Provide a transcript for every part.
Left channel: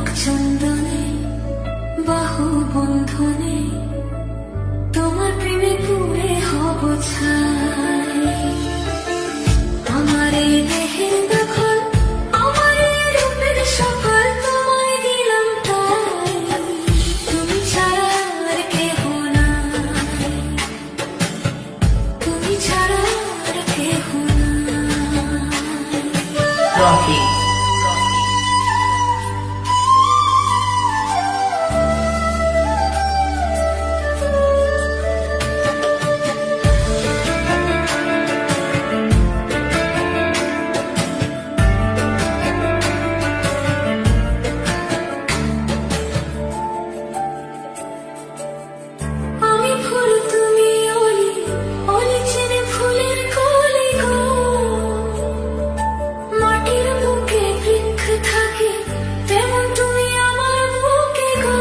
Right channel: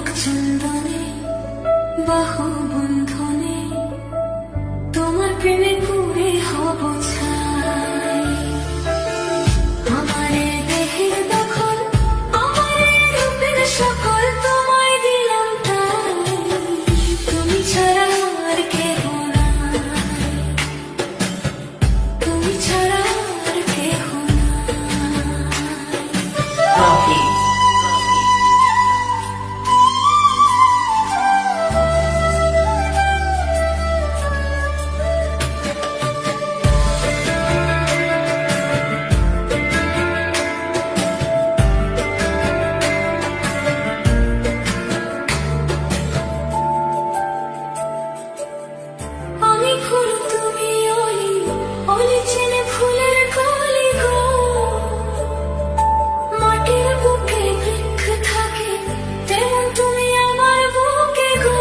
চোখ চন্দনে বাহু বন্ধনে তোমার প্রেমে পুরে হব ছাই। আমারে দেহের দখল আমারে রূপের সকল তোমায় দিলাম তাই, তুমি ছাড়া আর কেহ নাই, তুমি ছাড়া আর কেহ নাই। ফুল তুমি অলি অলি চেনে ফুলের কলি গো, মাটির বুকে বৃক্ষ থাকে তেমন তুমি আমার বুকে গো।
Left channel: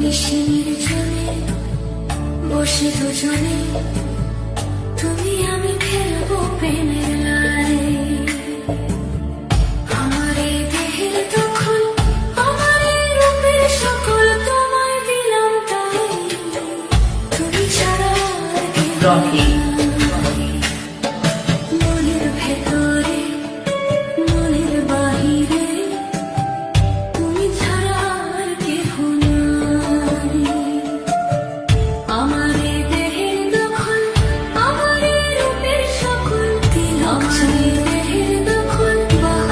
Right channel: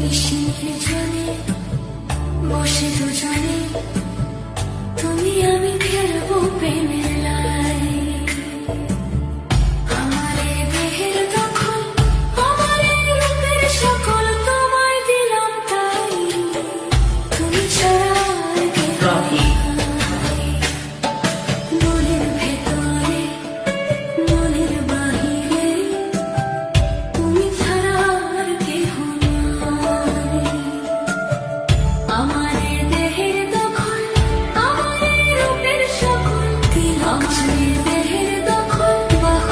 নিশির জলে বসে দুজনে তুমি আমি খেলবো প্রেমের লাই। আমারে দেহের দখল আমারে রূপের সকল তোমায় দিলাম তাই, তুমি ছাড়া আর কেহ নাই। মনের ভেতরে মনের বাহিরে তুমি ছাড়া আর কেহ নাই। আমারে দেহের দখল আমারে রূপের সকল দিলাম, আমারে দেহের দখল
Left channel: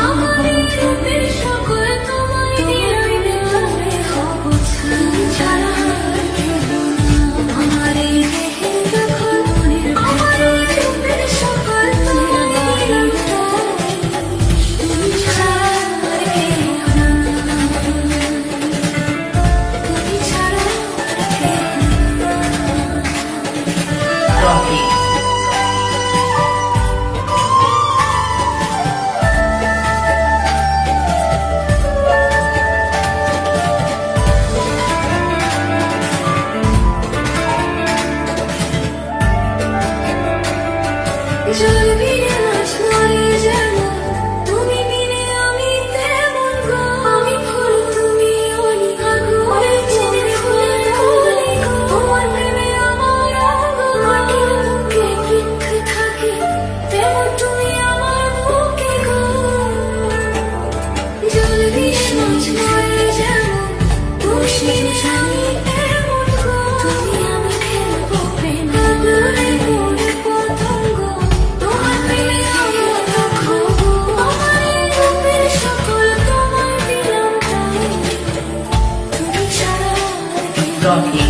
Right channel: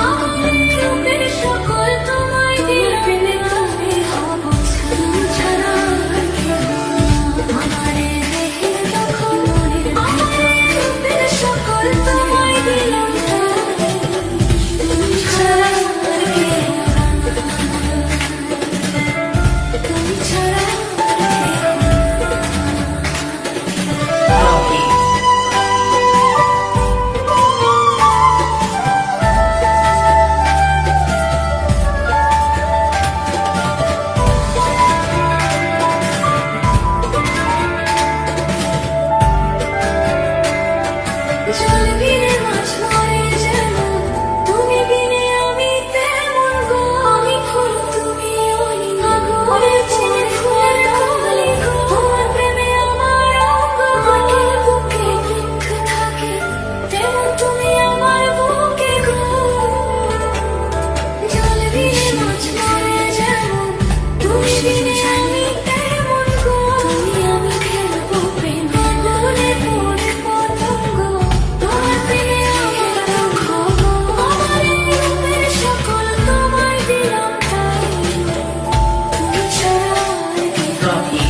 আমারে রূপের সকল তোমায় দিলাম, প্রেমে পুরে হব ছাই, তুমি ছাড়া আর কেহ নাই। আমারে দেহের দখল আমারে রূপের সকল তোমায় দিলাম তাই, তুমি ছাড়া আর কেহ নাই, তুমি ছাড়া আর কেহ নাই। জল বিনে মাছ মরে যেমন তুমি বিনে আমি তেমন গো, আমি ফুল তুমি অলি আগুনের চেনে ফুলের কলি গো, তোমার প্রেমে আমার অঙ্গ, মাটির বুকে বৃক্ষ থাকে তেমন তুমি আমার বুকে গো। জল বিনে মাছ মরে যেমন তুমি বিনে আমি তেমন গো, তুমি আমি খেলবো প্রেম আগুনে পড়ে পতঙ্গ, তোমার প্রেমে আমার লক্ষ গো। আমারে রূপের সকল তোমায় দিলাম তাই, তুমি ছাড়া আর কেহ নাই।